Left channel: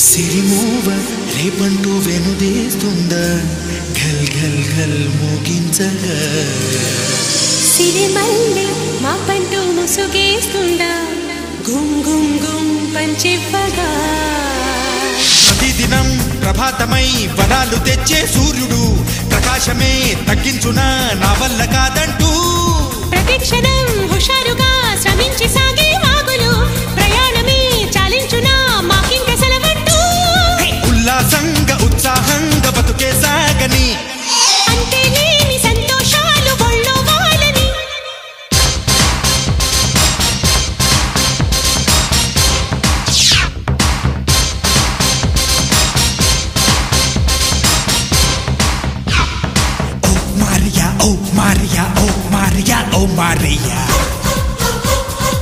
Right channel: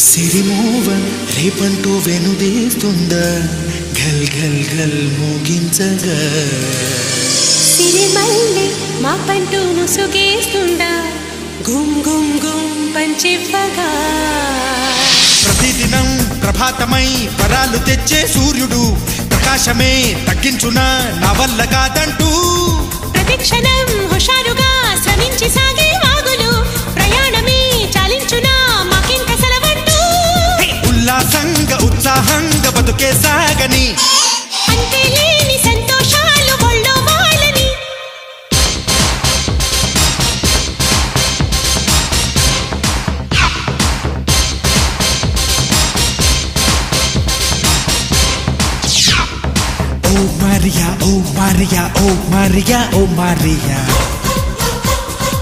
సిరిమూవ రేపంటూ వెనుదేస్తుందా ఘల్ ఘల్ ఘల్ మోగించగా సిరిమల్లె మా పంటూ ముసుగేస్తుందా గుమ్ గుమ్ గుమ్ పంచివ్వగా ప్రతిదినం ప్రభాతమై వరాలు తెచ్చే సూర్యుడు ప్రకాశమే తగ్గించునా నా వల్ల కాదంటూ ప్రతిక్షణం హుషారుగా శ్రమించి సాగే వాగులు ప్రయాణమే చాలించునా మాకింక సెలవంటూ ఉల్లాసంగా ఉత్సాహంగా బతుకే సాగని అంతే లేని సంతోషాలు ఒళ్ళో వాళ్ళని ఓ Maria, oh Maria, oh Maria, oh Maria.